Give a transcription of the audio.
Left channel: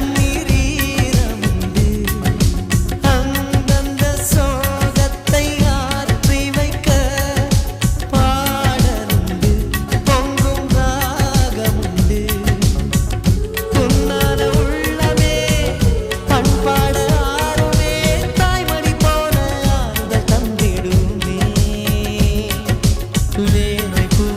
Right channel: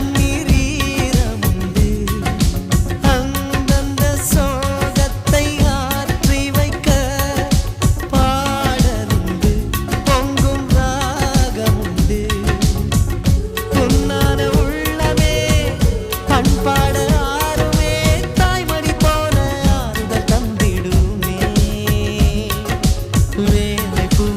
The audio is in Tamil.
கண்ணீர் ஈரமுண்டு அந்தந்த சோகத்தை ஆற்றி வைக்க பாடலுண்டு பொங்கும் ராகமுண்டு பொன்னான உள்ளமே பண்பாட ஆறுமே தாய்மடி போல ஆறுதல் தந்திடுமே வேலை பூ